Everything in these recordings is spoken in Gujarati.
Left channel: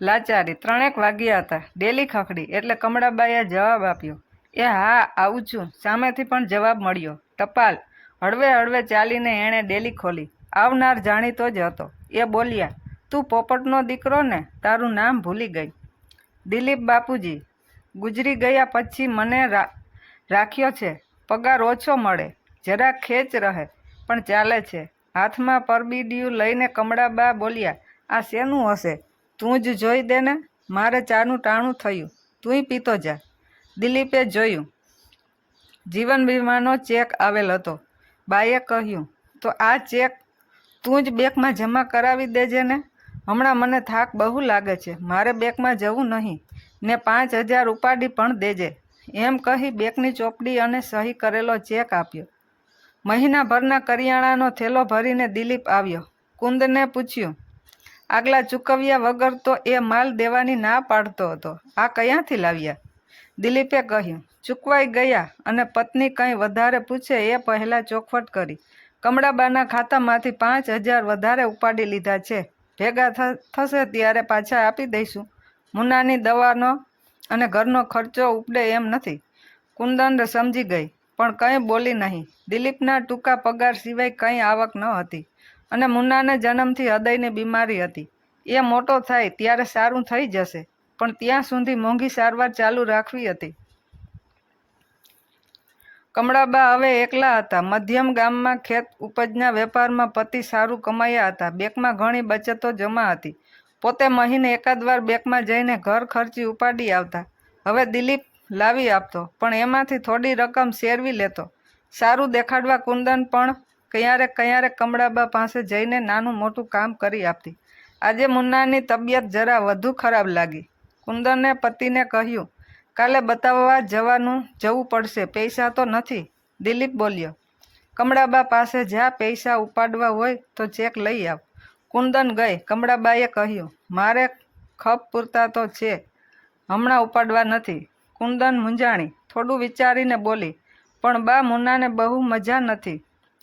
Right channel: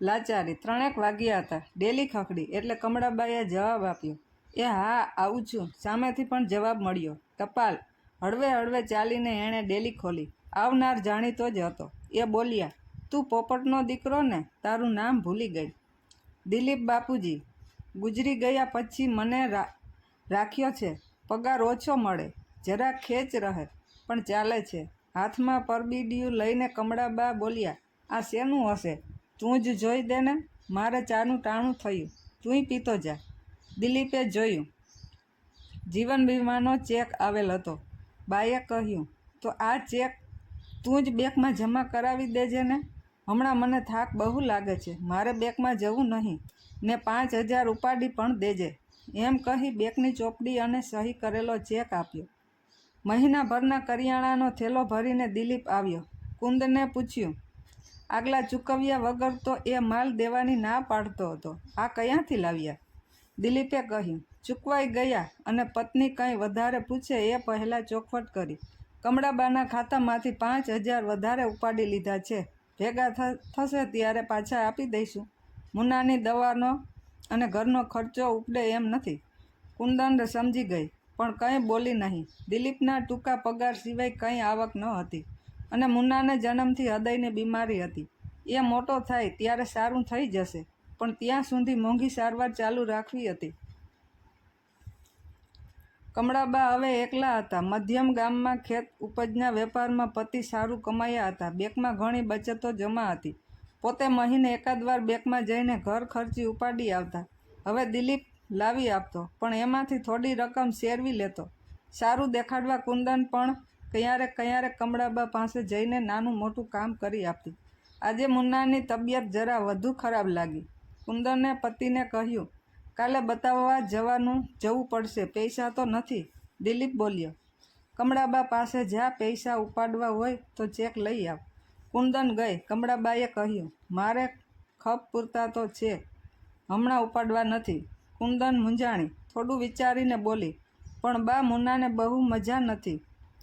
લાચારી 3 વાગ્યા હતા. ડેલી ખખડી એટલે કમળાબાઈએ જવાબ આપ્યો, એ હા આવું છું. સામેથી પણ જવાબ મળ્યો, ટપાલ. હળવે હળવે ચાલીને એણે ડેલી ખોલી. આવનાર જાણીતો જ હતો. એ બોલ્યા, તું પોપટનો દીકરો ને? તારું નામ ભૂલી ગઈ. દિલીપ બાપુજી ગુજરી ગયા પછી મને રાખ્યો છે. પગાર ઓછો મળે, જરા ખેંચ રહે, પણ ચાલે છે. હાથમાં પરબીડિયું લઈને કમળાબા બોલ્યા, આ શેનું હશે? તું જ જોઈ દે ને. મારે ચાનું ટાણું થયું, તુંય પીતો જા. દિલીપે જોયું. જીવન વીમાનો ચેક આવેલ હતો. બાએ કહ્યું, તો આ ચેક તું જ બેંકમાં જમા કરાવી દેજે ને. હમણાં મને થાક બહુ લાગે છે, મારે બેંકમાં જવું નહીં, ને 5,000 ઉપાડી પણ દેજે. એમ કહી બેંકની ચોપડી અને સહી કરેલો ચેક આપ્યો. મહિનાભરના કરિયાણાનો થેલો ભરીને દિલીપ આવ્યો. કુંદને પૂછ્યું, આગલા ચૂકવ્યા વગર તો એ માલ દેવાની ના પાડતો હતો, આ ક્યાંથી લાવ્યા? દિલીપે કહ્યું, ચૂકવાઈ ગયા, અને પત્ની કંઈ વધારે પૂછે એ પહેલાં ચોખવટ કરી. કમળાબાના ખાતામાંથી 5,000 વધારે ઉપાડી લીધા છે. ભેગા થશે ત્યારે પાછા આપી દઈશું. મુન્નાની દવાનો અને ઘરનો ખર્ચો ઉપડે એમ નથી. કુંદન સમજી ગઈ, પણ કંઈ બોલી નહીં. દિલીપના ટૂંકા પગાર સિવાય કંઈ આવક ન હતી, અને મુન્નાને જન્મથી હૃદયની બીમારી હતી. એ મોટો થાય ત્યારે સારું થઈ જશે, પણ ત્યાં સુધી મોંઘી સારવાર ચાલુ રાખવી હતી. કમળાબા હવે એકલા હતા. મધ્યમ ગામમાં ખેત ઉપજના વેપારમાં પતિ સારું કમાયા હતા. બેંકમાં ઘણી બચતો જમા હતી. પોતે મહિને એકાદ વાર બેંકમાં જઈને ઘર ખર્ચી ઉપાડી આવતા. હવે દિલીપ લાવી આપતો, પણ એમાંથી થોડી રકમ શેરવી લેતો. સારું દેખાડવા કુંદન પણ ક્યારેક કમળાબા પાસે જઈને નાનું મોટું કામ કરી આપતી. આજે મુન્નાની તબિયત જરા વધુ ખરાબ લાગી. કુંદને પતિને કહ્યું, કાલે બતાવવા જવું પડશે, પૈસા તો નથી. દિલીપ બોલ્યો, કમળાબા પાસે જા, પૈસા ઉપાડવા હોય તો ચેક લઈ આવ. કુંદન ગઈ. કમળાબાએ કહ્યું, મારે ખપ પૂરતા તો છે, હમણાં ઉપાડવા નથી. કુંદન મૂંઝાણી. થોડું વિચારીને બોલી, પણ બા, મુન્નાને બહુ મજા નથી,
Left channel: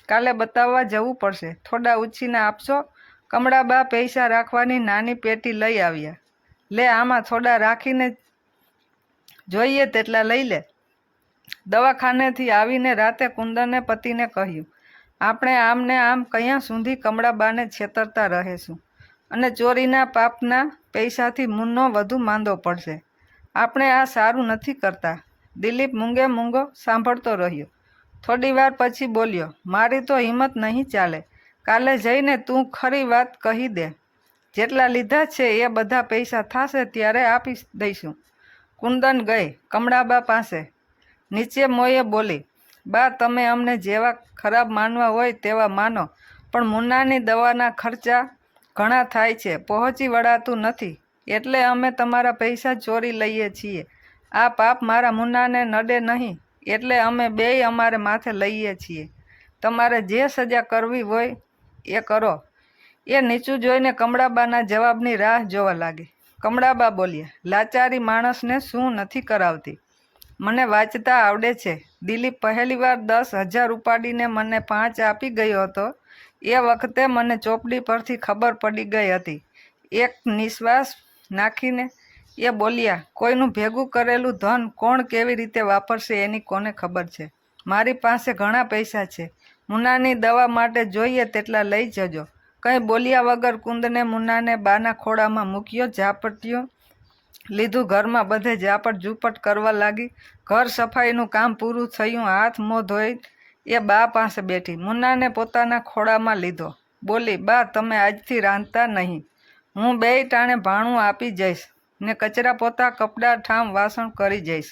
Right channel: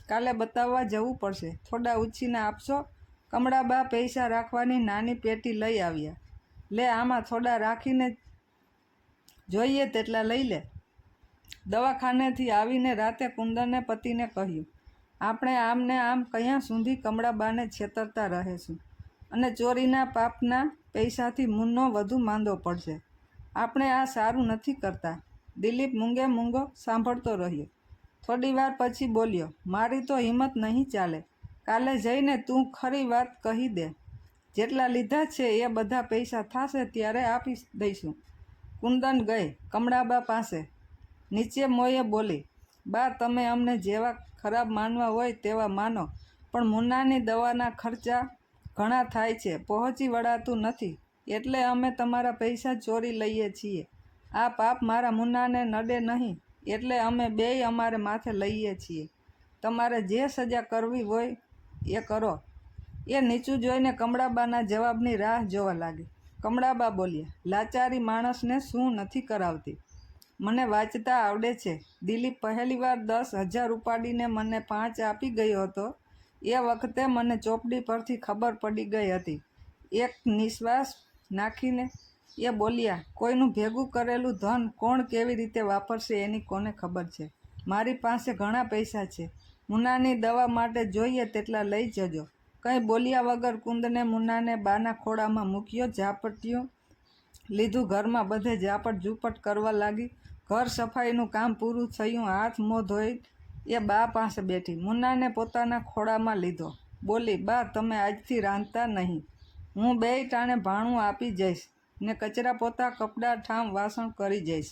કાલે બતાવવા જવું પડશે, થોડા ઉછીને આપશો? કમળાબા પૈસા રાખવાની નાની પેટી લઈ આવ્યા. લે, આમાં થોડા રાખીને જોઈએ તેટલા લઈ લે. દવાખાનેથી આવીને રાતે કુંદને પતિને કહ્યું, આપણે આમને આમ ક્યાં સુધી કમળાબાને છેતરતા રહેશું, અને ચોરીના પાપના પૈસાથી મુન્નો વધુ માંદો પડશે. આપણે આ સારું નથી કરતા. દિલીપ મૂંગે મૂંગો સાંભળતો રહ્યો. થોડી વાર પછી બોલ્યો, મારી તો હિંમત નહીં ચાલે. કાલે જઈને તું ખરી વાત કહી દે. જેટલા લીધા છે એ બધા પૈસા થશે ત્યારે આપી દઈશું. કુંદન ગઈ કમળાબા પાસે. નીચે મોયે બોલી, બા, તમે અમને જેવા ખરાબ માનવા હોય તેવા માનો, પણ મુન્નાની દવાના ખર્ચા ઘણા થાય છે, પહોંચી વળાતું નથી, એટલે અમે તમારા પૈસા ચોરી લઈએ છીએ. આ પાપ મારા મુન્નાને નડે નહીં, એટલે અમે બેય અમારે માથે લઈએ છીએ. તમારે જે સજા કરવી હોય એ કરો. એ નીચું જોઈને કમળાબાના જવાબની રાહ જોવા લાગી. કમળાબા બોલ્યા, લાચારી માણસને શું નથી કરાવતી. મને વાંચતા આવડે છે. દિલીપ પહેલીવાર 10,000 ઉપાડીને મને 5 આપી ગયો હતો. એ વખતે મને ચોપડી પરથી ખબર પડી ગઈ હતી. એક નિશ્વાસ નાખીને એ બોલ્યા, કોઈનું ભેગું કરેલું ધન કોણ કેવી રીતે વાપરશે એની કોને ખબર છે. મારી પાસે ઘણા પૈસા છે. મુન્નાની દવા માટે જોઈએ તેટલા લઈ જજો. કંઈ બોલ્યા વગર કુંદને મુન્નાને બાના ખોળામાં મૂક્યો. ઝાપટિયું લીધું. ઘરમાં બધે ઝાપટ ઝૂપટ કરવા લાગી. ઘર સફાઈનું કામ પૂરું થયું. હાથ મોં ધોઈ એ બા પાસે બેઠી. મુન્નાને પોતાના ખોળામાં લીધો. બોલી, બા, તમે આજથી રાંધતા નહીં. હું બેય ટાણે ભાણું આપી જઈશ, ને કચરા પોતા, કપડાં, ઠામ, વાસણ કરી જઈશ.